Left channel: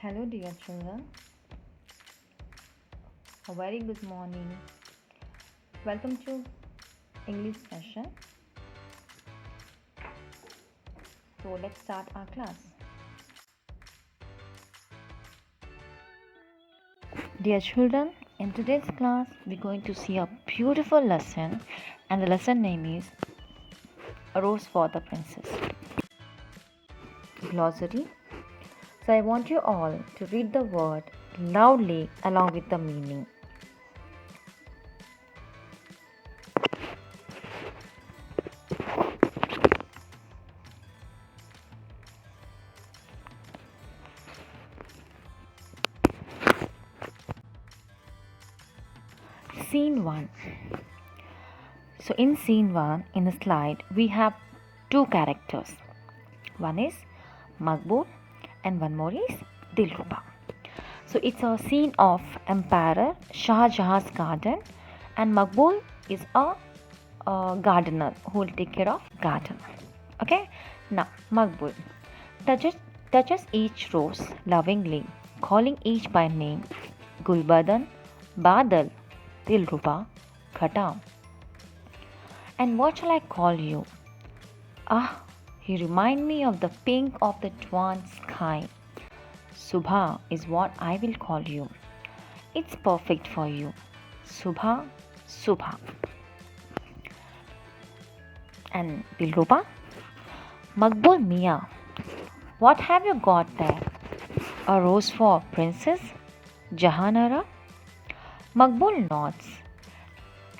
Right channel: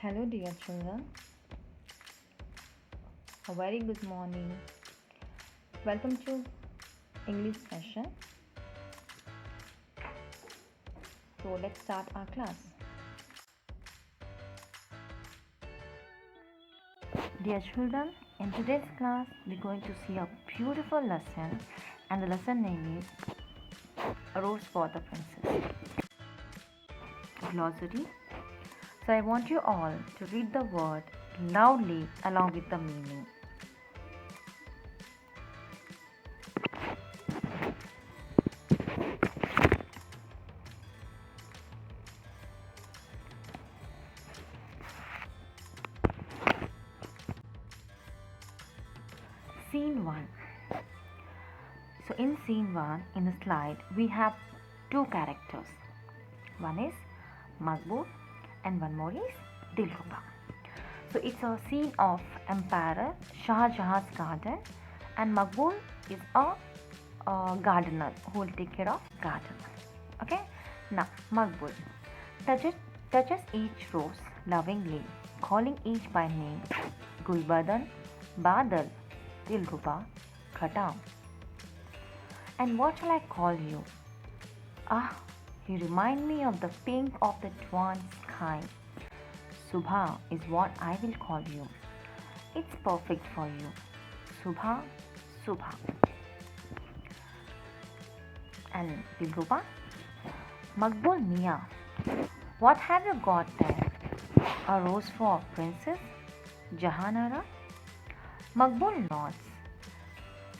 Hello, dear children. A very good morning. Welcome to English session. So, let's start our class. Dear children, in today's class, we're going to see a beautiful lesson, and the lesson name is A Rose for the Princess. Glossary. So, I want you all to read the word loudly along with the meaning. Scene 1. So in scene 1 in the slide we have two characters. One is Makbul and one more is Dilruba. So it's a scene of Emperor Shah Jahan's garden, and Makbul is a gardener who will take care of garden. Okay, now Makbul touches each rose lovingly, calling each by name: Gulbadan, Badal, Dilruba, Khata. And what shall I call you? Ah, you remind me of the pink of the dawn sky. Subha is what I will call you. It's perfect for you. Subha, Subha. And Dilruba? Makbul Mia, what have you got there? A rose for Princess Jahanara? Makbul nods.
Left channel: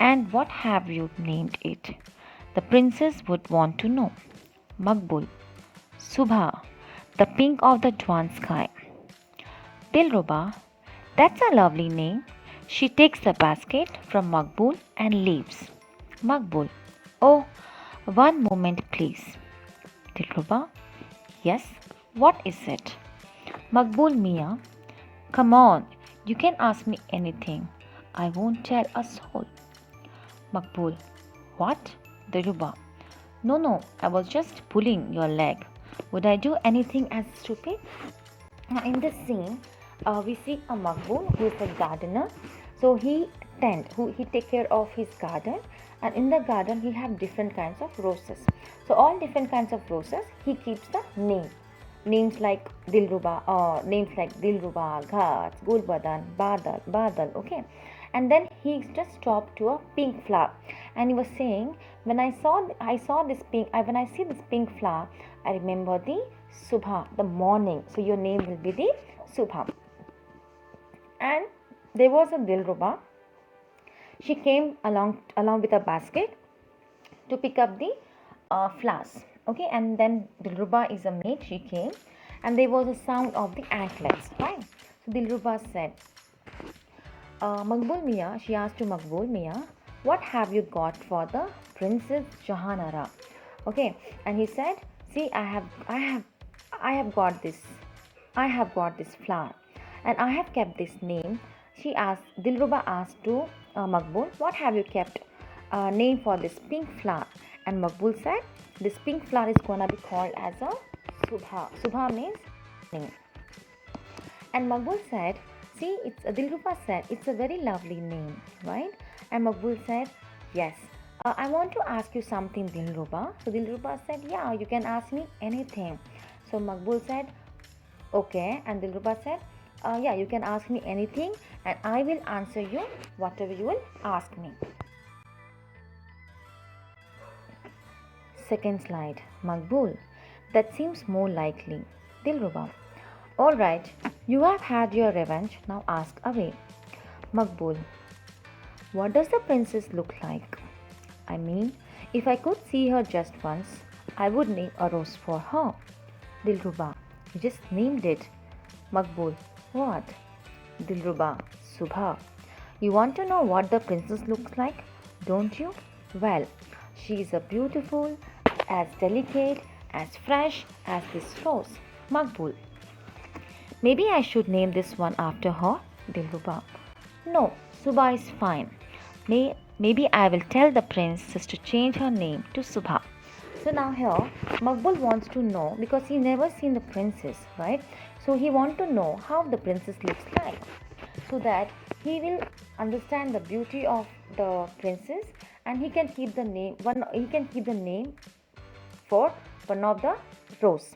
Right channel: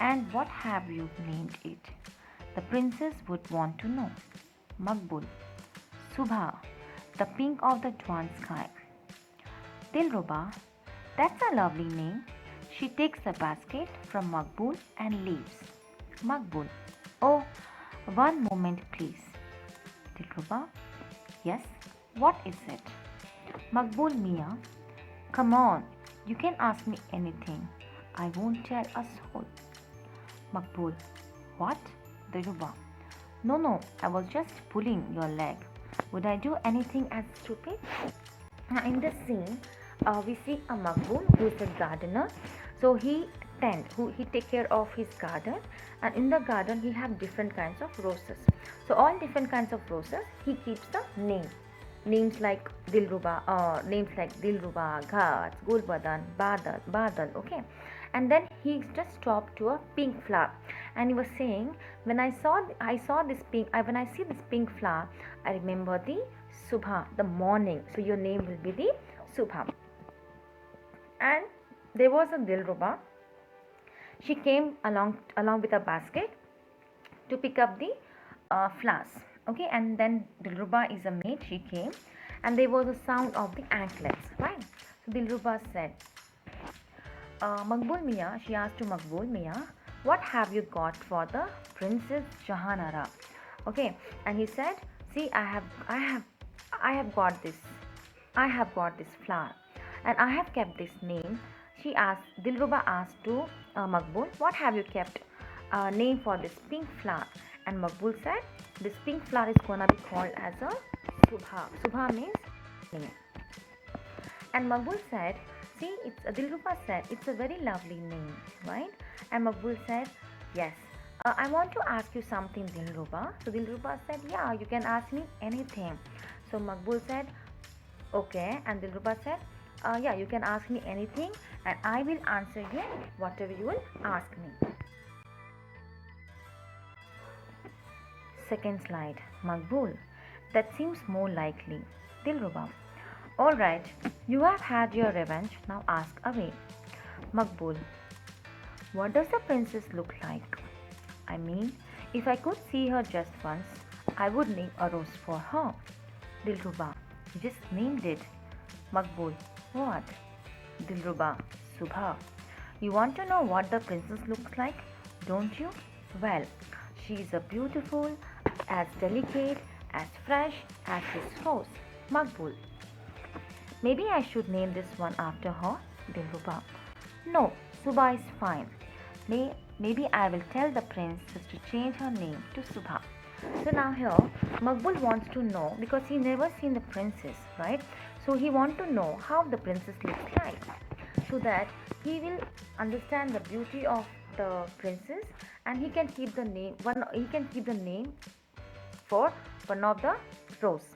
And what have you named it? The princess would want to know. Makbul. Subha, the pink of the dawn sky. Dilruba, that's a lovely name. She takes the basket from Makbul and leaves. Makbul, oh, one moment please. Dilruba, yes, what is it? Makbul Mia, come on, you can ask me anything. I won't tell a soul. Makbul, what? Dilruba, no, I was just pulling your leg. Would I do anything as stupid? In this scene, we see a Makbul who is a gardener. So he take care of his garden, and in the garden he have different kinds of roses. So all different kinds of roses he keeps the names like Dilruba, Ghats, Gulbadan, Badal. Okay, and then he just stopped to a pink flower, and he was saying, when I saw this pink, when I see this pink flower, I remember the Subha, the morning. So your name will be the Subha. And there was a Dilruba. She came along with a basket to pick up the flowers. Okay, and then Dilruba is a maid. She came, and there was a sound of the anklets. Right. So Dilruba said, Makbul Mia. She asked to Makbul Mia, what have you got for the Princess Jahanara? Okay, and he said, see, I have got this. I have got this flower, and I have kept this name. Dilruba asked to Makbul, what have you kept name for this pink flower? And Makbul said, this pink flower is gonna be called as a Subha. Subha means name. And Makbul said, see, Dilruba said, it's a very lovely name, right? And Makbul said, yes. I want to ask you something, Dilruba. So Dilruba said, yeah, you can ask me anything. So Makbul said, okay. And Dilruba said, yeah, you can ask me anything, and I will answer you whatever you will ask me. Second slide. Makbul, that seems more likely. Dilruba, all right, you have had your revenge, now ask away. Makbul, what does the princess look like? I mean, if I could see her just once, I would name a rose for her. Dilruba, you just named it. Makbul, what? Dilruba, Subha. You want to know what the princess looks like, don't you? Well, she is a beautiful, as delicate, as fresh as this rose. Makbul, maybe I should name this one after her. Dilruba, no, Subha is fine. Maybe I will tell the princess to change her name to Subha. So now here, Makbul wants to know, because he never seen the princess, right? So he want to know how the princess looks like, so that he will understand the beauty of the princess, and he can keep the name one. He can keep the name for one of the rose.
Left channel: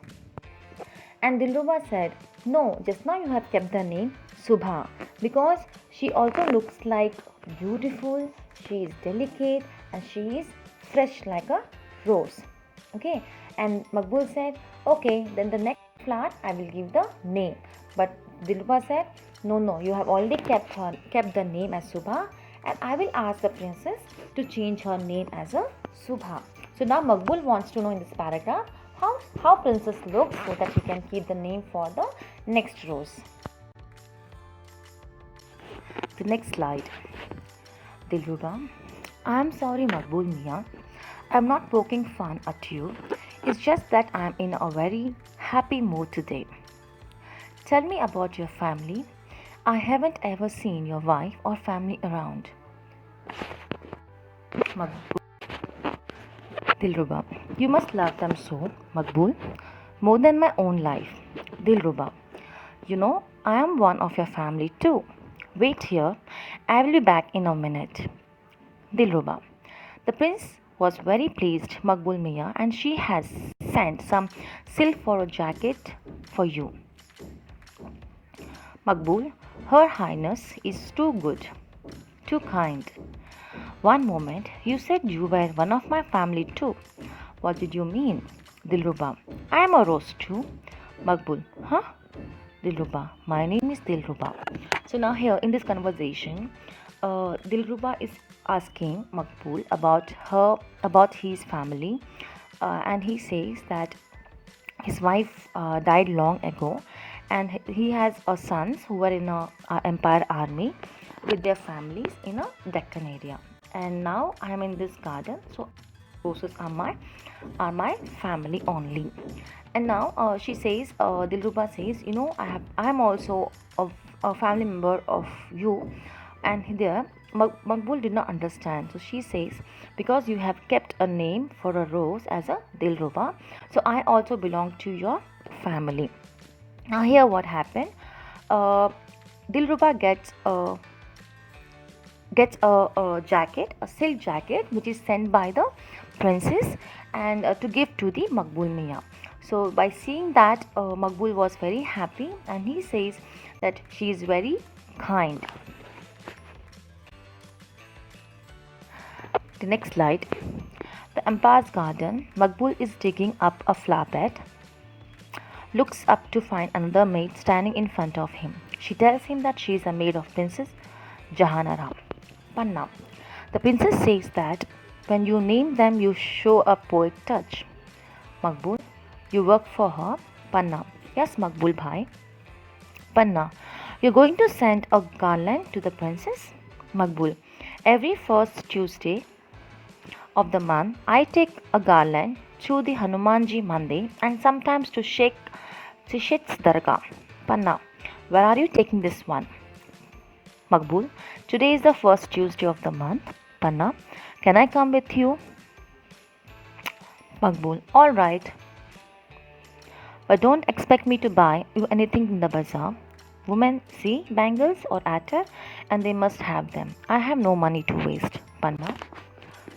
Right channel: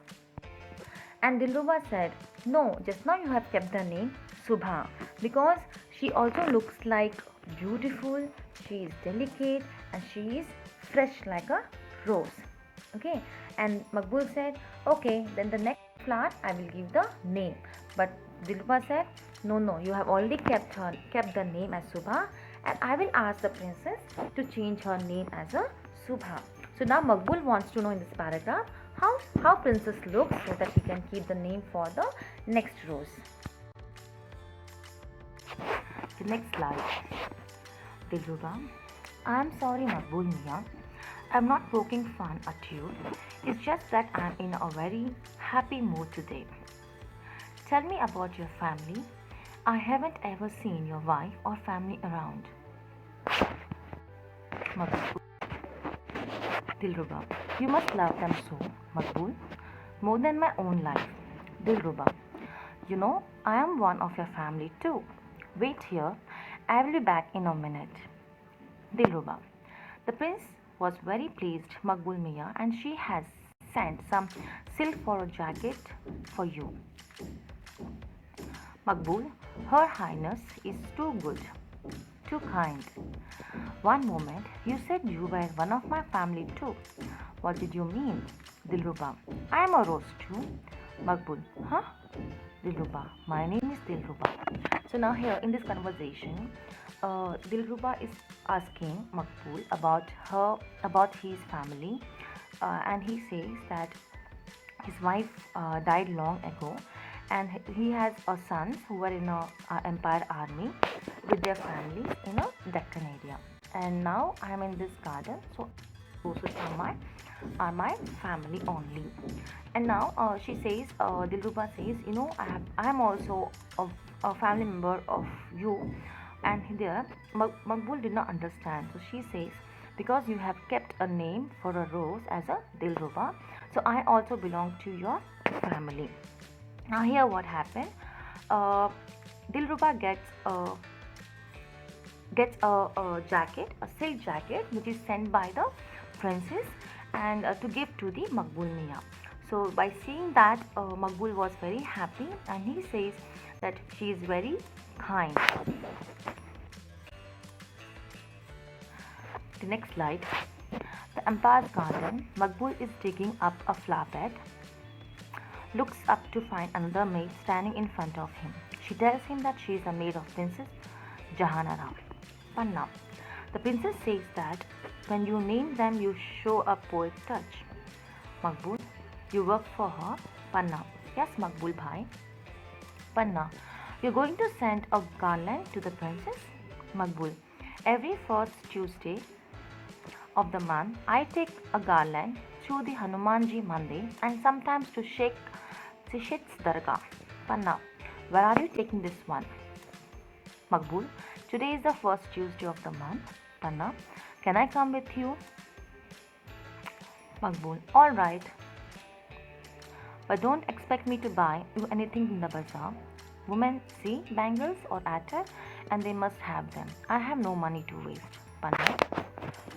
And Dilruba said, "No, just now you have kept the name Subha, because she also looks like beautiful, she is delicate, and she is fresh like a rose." Okay, and Makbul said, "Okay, then the next flower I will give the name." But Dilruba said, "No, no, you have already kept the name as Subha, and I will ask the princess to change her name as a Subha." So now Makbul wants to know in this paragraph how princess looks, so that he can keep the name for the next rose. The next slide. Dilruba, I am sorry, Makbul Mia. I am not poking fun at you. It's just that I am in a very happy mood today. Tell me about your family. I haven't ever seen your wife or family around. Makbul. Dilruba, you must love them so, Makbul, more than my own life. Dilruba, you know, I am one of your family too. Wait here, I will be back in a minute. Dilruba, the prince was very pleased, Makbul Mia, and she has sent some silk for a jacket for you. Makbul, Her Highness is too good, too kind. One moment, you said you were one of my family too. What did you mean? Dilruba, I am a rose too. Makbul, huh? Dilruba, my name is Dilruba. So now here in this conversation, Dilruba is asking Makbul about his family, and he says that his wife died long ago, and he has sons who were in a empire army with their families in a Deccan area. And now I am in this garden, so roses are my family only. And now she says, Dilruba says, you know, I am also a family member of you. And there Makbul did not understand, so she says, because you have kept a name for a rose as a Dilruba, so I also belong to your family. Now here what happened, uh, Dilruba gets a jacket, a silk jacket, which is sent by the princess, and to give to the Makbul Mia. So by seeing that, Makbul was very happy, and he says that she is very kind. The next slide. The empire's garden. Makbul is digging up a flower bed, looks up to find another maid standing in front of him. She tells him that she is a maid of Princess Jahanara. Panna. The princess says that when you name them, you show a poet touch. Makbul, you work for her? Panna. Yes, Makbul bhai. Panna, you're going to send a garland to the princess? Makbul, every first Tuesday of the month, I take a garland to the Hanumanji Mandir and sometimes to Sheikh Sishit's Dargah. Panna, where are you taking this one? Makbul, today is the first Tuesday of the month. Panna, can I come with you? Makbul, all right. But don't expect me to buy you anything in the bazaar. Women see bangles or attar and they must have them. I have no money to waste. Panna,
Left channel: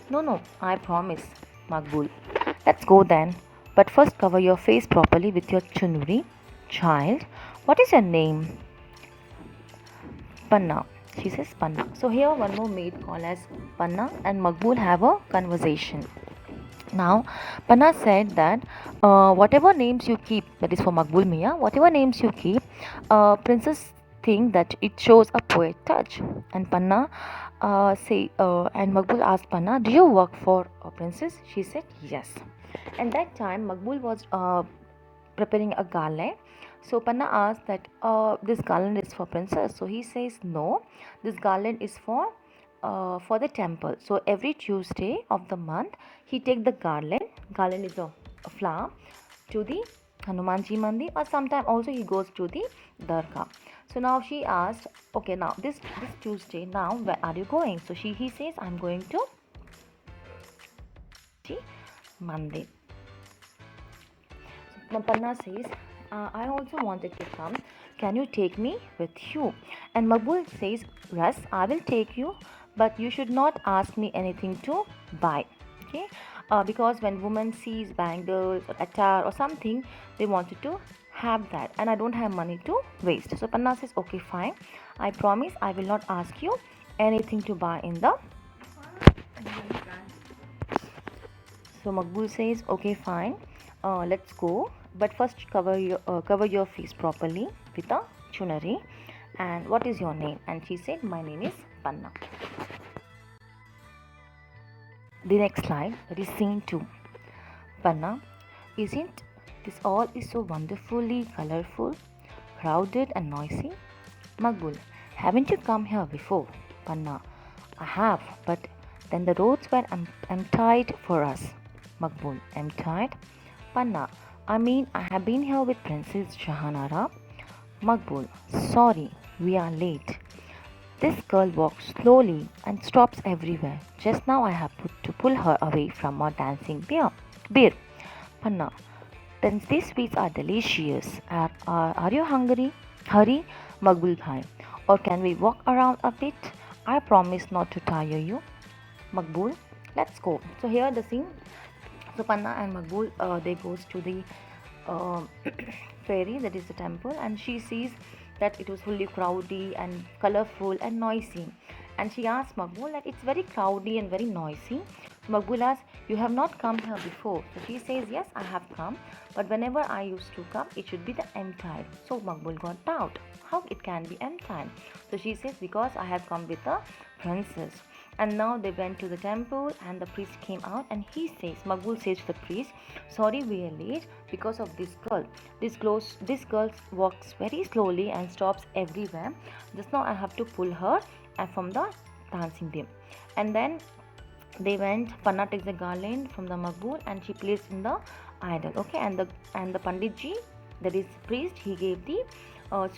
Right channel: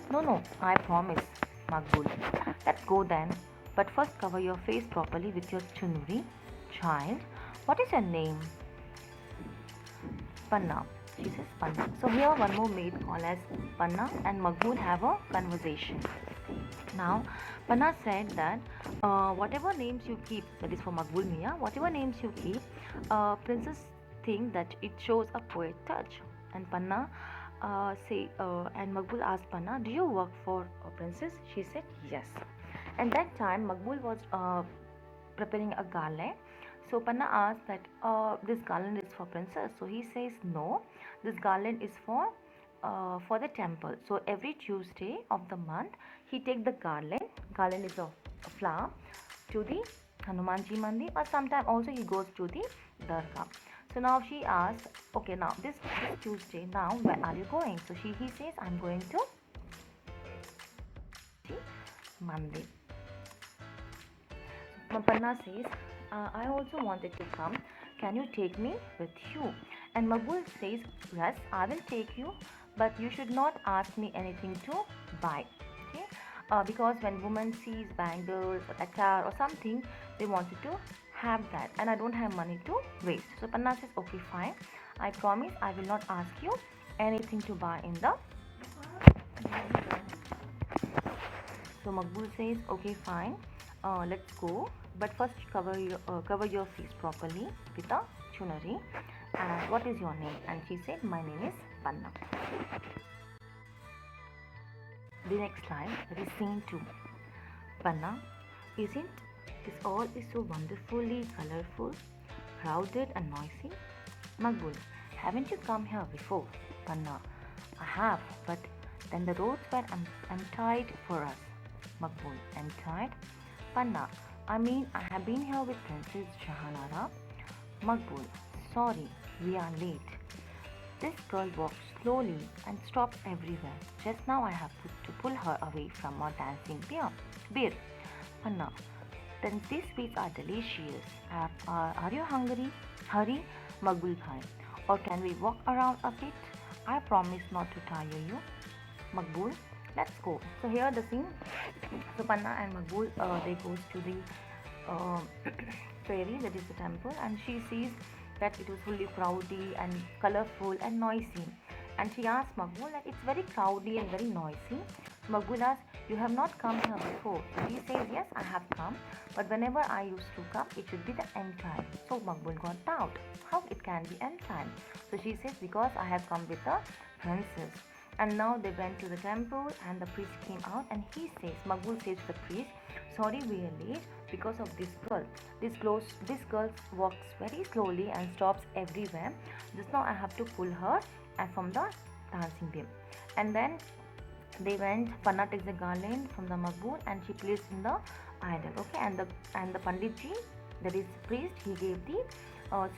no, I promise. Makbul, let's go then. But first cover your face properly with your chunuri. Child, what is your name? Panna. She says Panna. So here one more maid called as Panna and Makbul have a conversation. Now Panna said that whatever names you keep, that is for Makbul Mia, whatever names you keep, princess think that it shows a poet touch. And Panna and Makbul asked Panna, do you work for a princess? She said yes. And that time Makbul was preparing a garland. So Panna asked that this garland is for princess. So he says no, this garland is for the temple. So every Tuesday of the month he take the garland. Garland is a flower to the Hanumanji Mandir, or sometimes also he goes to the Dargah. So now she asked, okay, now this Tuesday, now where are you going? So he says, I'm going to Mandir. Panna says, I also wanted to come. Can you take me with you? And Makbul says, yes, I will take you, but you should not ask me anything to buy. Okay? Because when women sees bangles or attar or something, they wanted to have that, and I don't have money to waste. So Panna says, okay, fine. I promise I will not ask you anything to buy in the. So Makbul says, okay, fine, let's go. But first, cover your face properly with a chunari. And what is your name? And she said, my name is Panna. The next line, that is scene 2. Panna, isn't this all is so wonderfully colorful, crowded and noisy? Makbul, haven't you come here before? Panna, I have, but then the roads were untied for us. Makbul, untied? Panna, I mean, I have been here with Princess Jahanara. Makbul, sorry, we are late. This girl walks slowly and stops everywhere. Just now I have to pull her away from our dancing bear. Panna, then these sweets are delicious. Are you hungry? Hurry, Makbul Bhai. Or can we walk around a bit? I promise not to tire you. Makbul, let's go. So here the scene. So Panna and Makbul, they goes to the uh, fairy, that is the temple, and she sees that it was fully crowdy and colorful and noisy. And she asks Makbul that it's very crowdy and very noisy. Makbul asks, you have not come here before. So she says, yes, I have come, but whenever I used to come, it should be the end time. So Makbul got doubt. How it can be end time? So she says, because I have come with a princess. And now they went to the temple and the priest came out and he says, Makbul says to the priest, sorry we are late because of this girl. This girl walks very slowly and stops everywhere. Just now I have to pull her and from the dancing beam. And then they went, Panna takes the garland from the Makbul and she placed in the idol. Okay, and the Panditji, that is priest, he gave the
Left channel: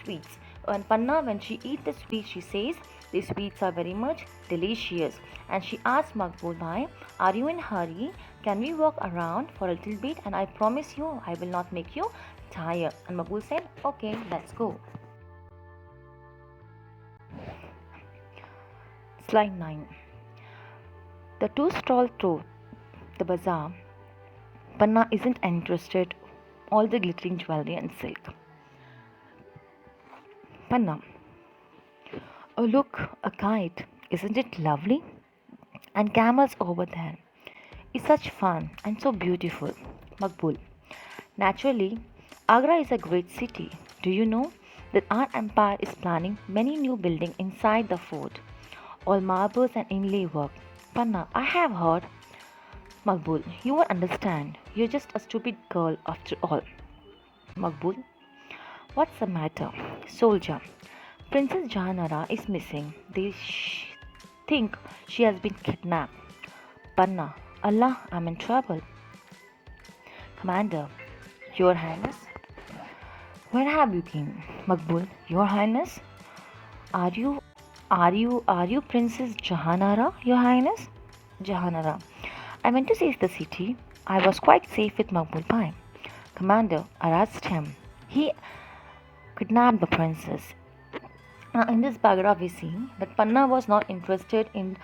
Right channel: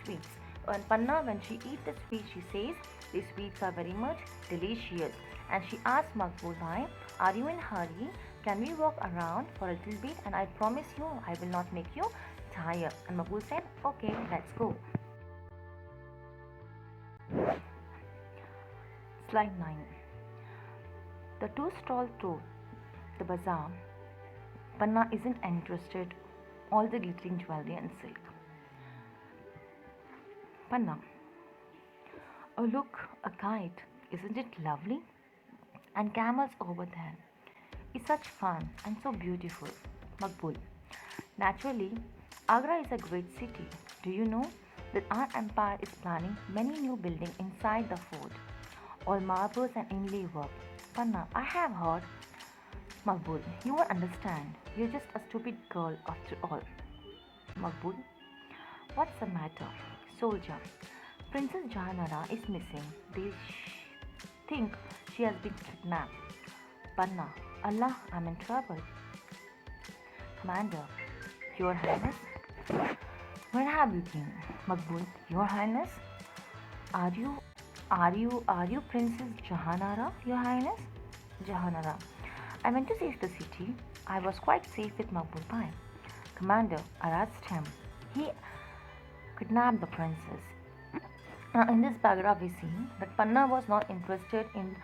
sweets. And Panna, when she eats the sweets, she says, these sweets are very much delicious. And she asks Makbul Bhai, are you in hurry? Can we walk around for a little bit? And I promise you, I will not make you tired. And Makbul said, okay, let's go. Slide 9. The two stroll through the bazaar. Panna isn't interested. All the glittering jewelry and silk. Panna, oh look, a kite. Isn't it lovely? And camels over there. It's such fun and so beautiful. Makbul, naturally, Agra is a great city. Do you know that our empire is planning many new buildings inside the fort? All marbles and inlay work. Panna, I have heard. Makbul, you won't understand. You're just a stupid girl after all. Makbul, what's the matter? Soldier, Princess Jahanara is missing. They think she has been kidnapped. Panna, Allah, I'm in trouble. Commander, Your Highness. Where have you been? Makbul, Your Highness. Are you Princess Jahanara, Your Highness? Jahanara, I went to save the city. I was quite safe with Makbul Bhai. Commander, arrest him. He kidnapped the princess. In this paragraph, we see that Panna was not interested in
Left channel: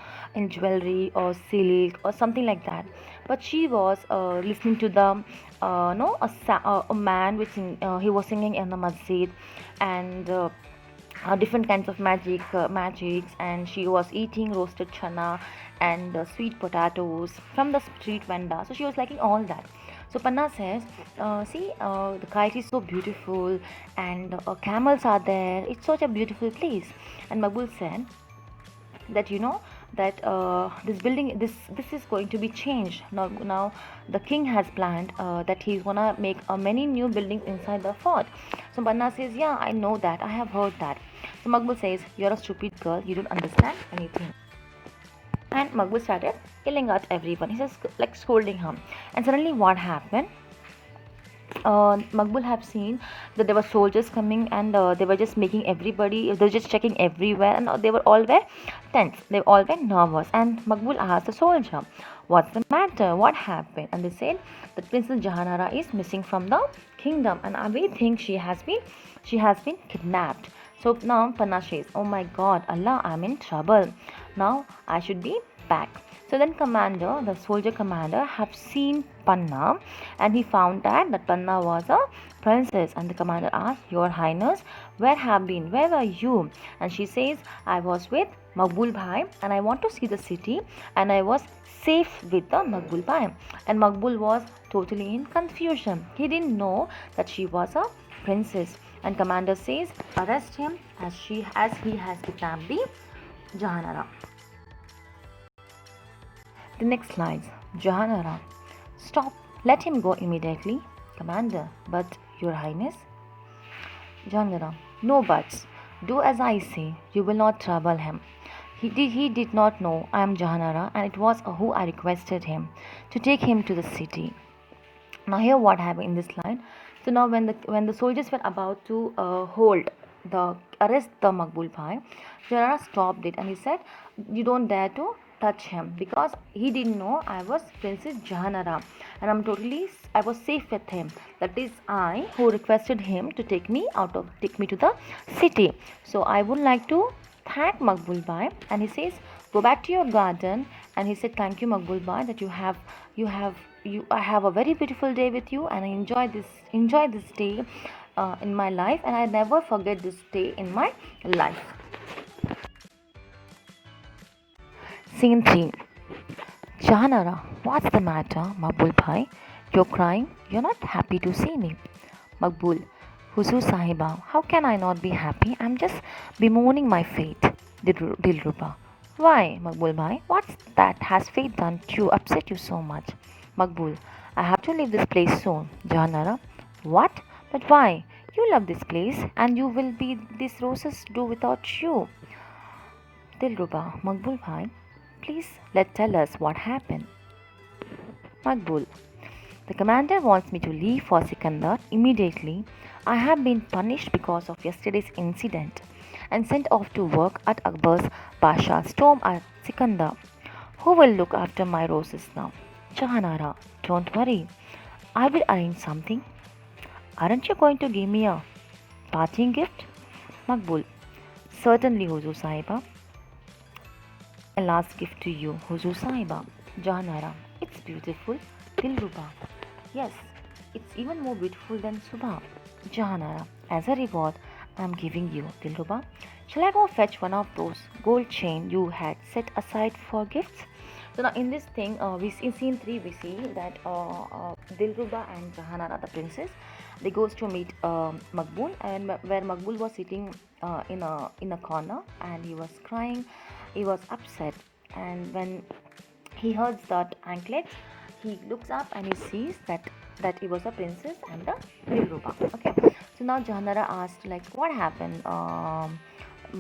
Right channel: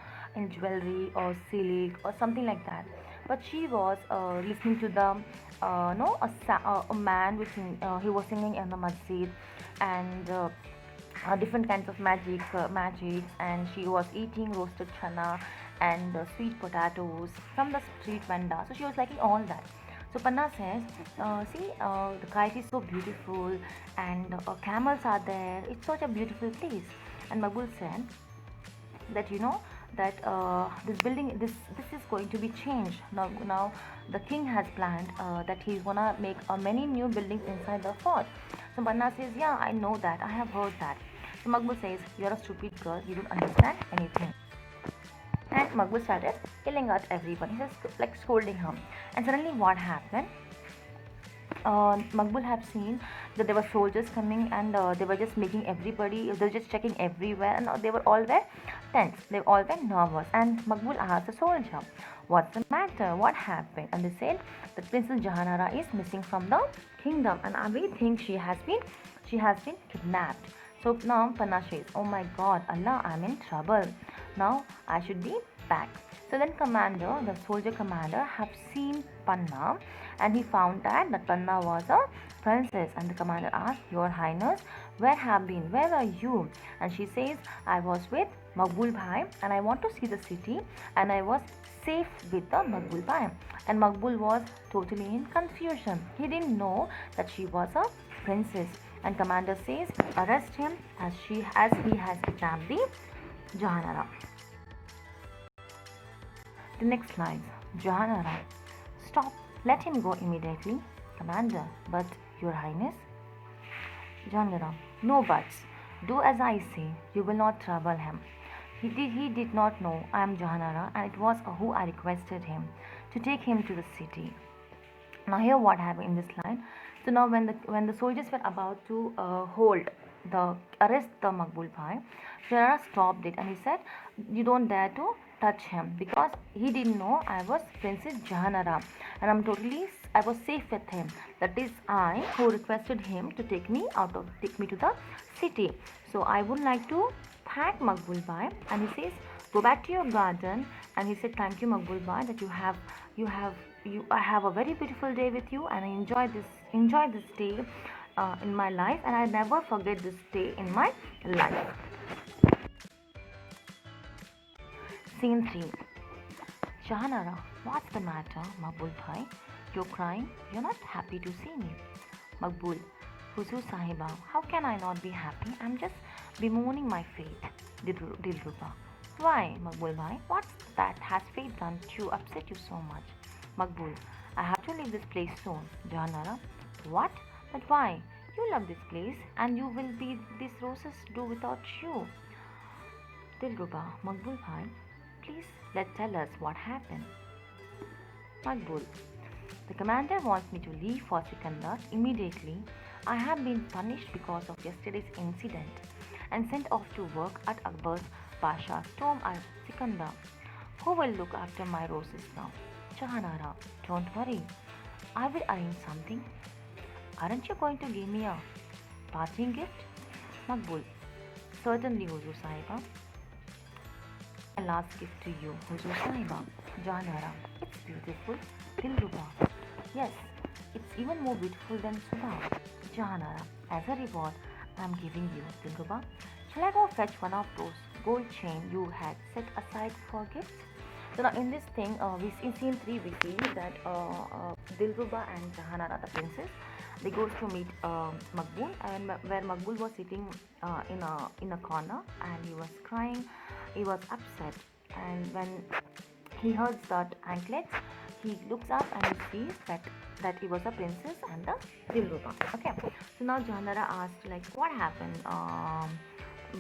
jewelry or silk or something like that, but she was listening to the no a man which he was singing in the masjid, and different kinds of magics, and she was eating roasted chana and sweet potatoes from the street vendor. So she was liking all that. So Panna says, see, the kite is so beautiful and camels are there. It's such a beautiful place. And Makbul said that that this building, this is going to be changed. Now the king has planned that he's gonna make many new buildings inside the fort. So Panna says, yeah, I know that. I have heard that. So Makbul says, you're a stupid girl. You don't understand anything. And Makbul started yelling at everyone. He says, like scolding him. And suddenly, what happened? Makbul have seen that there were soldiers coming, and they were just making everybody. They were just checking everywhere, and they were all very tense. They all were nervous. And Makbul asked the soldier, What's the matter? What happened? And they said that Princess Jahanara is missing from the kingdom, and we think she has been kidnapped. So now Panna says, "Oh my God, Allah, I'm in trouble. Now I should be back." So then the soldier commander, have seen Panna, and he found that Panna was a princess. And the commander asked, "Your Highness, where were you?" And she says, "I was with Makbul Bhai, and I want to see the city, and I was safe with the Makbul Bhai." And Makbul was totally in confusion. He didn't know that she was a princess. And commander says, "Arrest him as he has become the Jahanara." The next lines, Jahanara, "Stop, let him go immediately." Commander, "But your Highness." Jahanara, "No buts. Do as I say. You will not trouble him. He did not know I am Jahanara, and it was who I requested him to take him to the city." Now here what happened in this line. So now when the soldiers were about to arrest the Makbul Bhai, Jahanara stopped it, and he said, "You don't dare to touch him, because he didn't know I was Princess Jahanara, and I was safe with him. That is I who requested him to take me to the city. So I would like to thank Makbul Bhai." And he says, "Go back to your garden." And he said, "Thank you, Makbul Bhai, that you have I have a very beautiful day with you, and I enjoy this day in my life, and I never forget this day in my life." Scene 3. Jahanara, "What's the matter, Makbul Bhai? You're crying? You're not happy to see me." Makbul, "Huzur Sahiba, how can I not be happy? I'm just bemoaning my fate." Dilruba, "Why, Makbul Bhai? What's that has fate done to upset you so much?" Makbul, "I have to leave this place soon." Jahanara, "What? But why? You love this place, and you will be these roses do without you." Dilruba, "Makbul Bhai, please tell us what happened." Makbul, "The commander wants me to leave for Sikandar immediately. I have been punished because of yesterday's incident and sent off to work at Akbar's Pasha's tomb at Sikandar. Who will look after my roses now?" Jahanara, "Don't worry, I will arrange something. Aren't you going to give me a parting gift?" Makbul, "Certainly, Huzur Sahiba. My last gift to you, Huzur Sahiba." Jahanara, "It's beautiful." Dilruba, "Yes, it's even more beautiful than Subha." Jahanara, "As a reward, I am giving you." Dilruba, "Shall I go fetch one of those gold chain you had set aside for gifts?" So now in this thing, in scene 3 we see that Dilruba and Jahanara, the princess, they goes to meet Makbul, and where Makbul was sitting in a corner, and he was crying, he was upset, and when he heard that anklets, he looks up and he sees that he was a princess and the Dilruba. Okay, so now Jahanara asked, like, "What happened,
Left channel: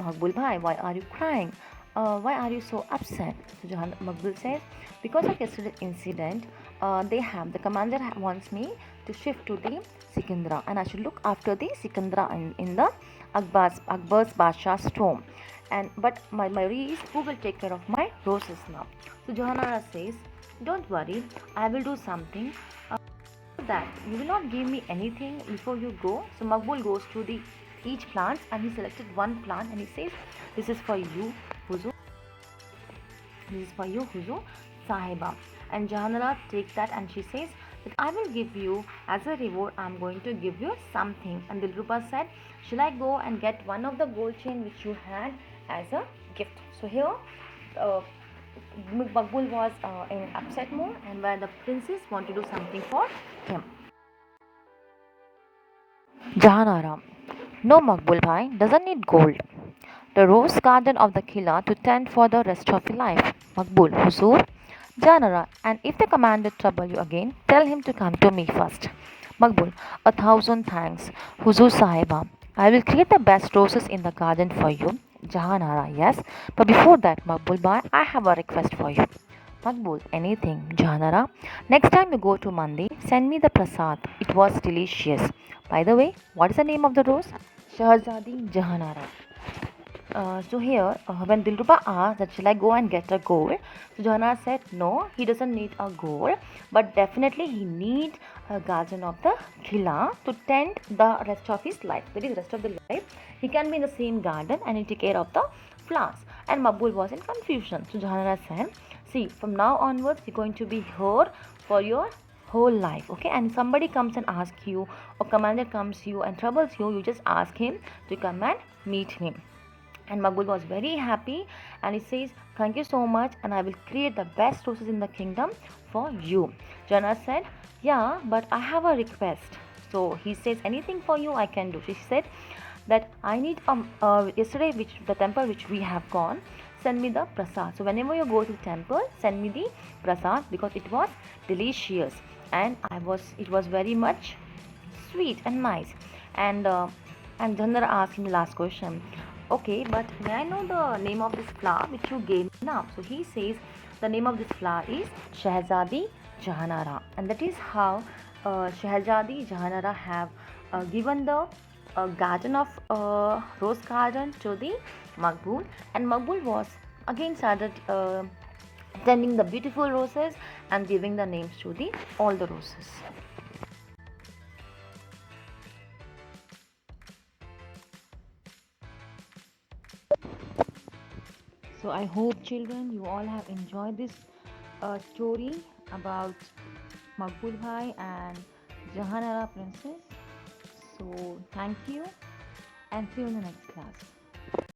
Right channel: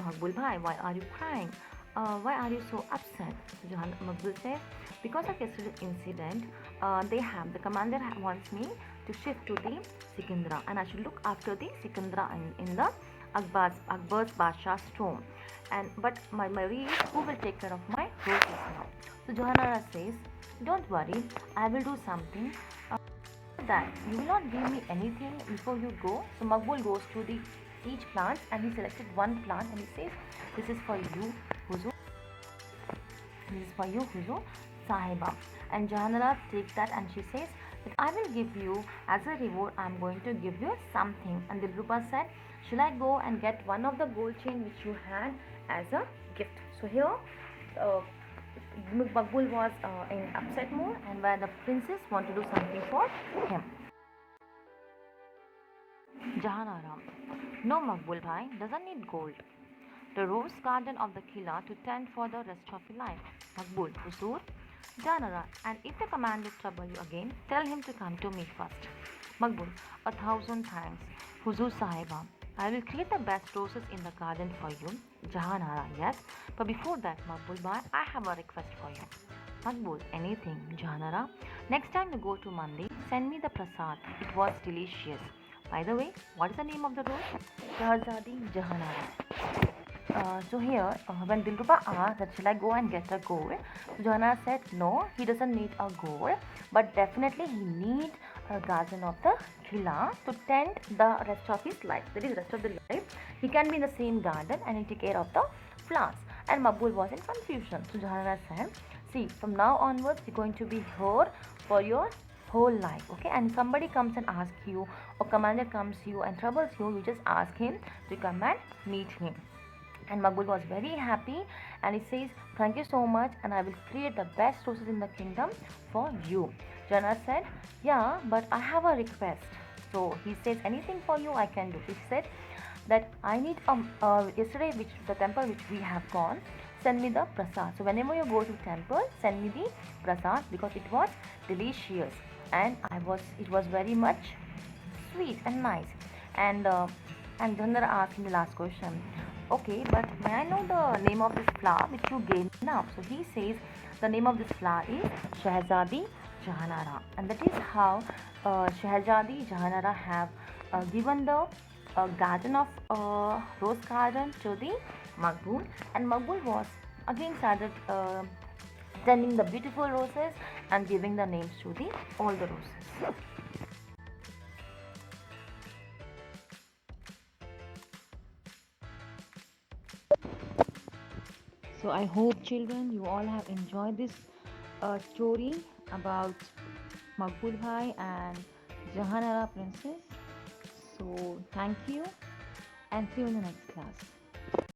Makbul Bhai? Why are you crying? Why are you so upset?" So Makbul says, "Because of yesterday's incident, the commander wants me to shift to the Sikandra, and I should look after the Sikandra in the Akbar's Basha's tomb. But my worry is, who will take care of my roses now?" So Jahanara says, "Don't worry, I will do something. That you will not give me anything before you go." So Makbul goes to the each plant, and he selected one plant, and he says, "This is for you, Huzu. This is for you, Huzu Sahiba." And Jahanara takes that, and she says that, "I will give you as a reward. I'm going to give you something." And Dilruba said, "Shall I go and get one of the gold chain which you had as a gift?" So here, uh, Makbul was in upset mood, and where the princess wanted to do something for him. Jahanara, "No, Makbul Bhai doesn't need gold. The rose garden of the Killa to tend for the rest of your life." Makbul, "Huzur." Jahanara, "And if the commander trouble you again, tell him to come to me first." Makbul, "1,000 thanks, Huzur Sahiba. I will create the best roses in the garden for you." Jahanara, "Yes, but before that, Makbul Bhai, I have a request for you." Makbul, "Anything." Jahanara, "Next time you go to Mandi, send me the prasad. It was delicious. By the way, what is the name of the rose?" Shahzadi Jahanara. So here, when Dilruba asked that shall I go and get a gold, so Johanna said no, he doesn't need a gold, but definitely he needs a guardian of the Khila to tend the rest of his life. That is, rest of the life, he can be in the same garden and he take care of the flowers. And Maqbul was in confusion. So Johanna said, see, from now onwards, you're going to be here for your whole life, okay? And somebody comes and asks you, or commander comes to you and troubles you, you just ask him to come and meet him. And Maqbul was very happy and he says, thank you so much, and I will create the best roses in the kingdom for you. Jana said, yeah, but I have a request. So he says, anything for you I can do. She said that I need yesterday which the temple which we have gone, send me the prasad. So whenever you go to temple, send me the prasad because it was delicious and it was very much sweet and nice. And Chandra asked him the last question. Okay, but may I know the name of this flower which you gave now? So he says the name of this flower is Shahzadi Jahanara, and that is how Shahzadi Jahanara have given the garden of rose garden to the Maqbul, and Maqbul was again started tending the beautiful roses and giving the names to the all the roses. So I hope children you all have enjoyed this story about Maqbul Bhai and Jahanara Princess. So thank you and see you in the next class.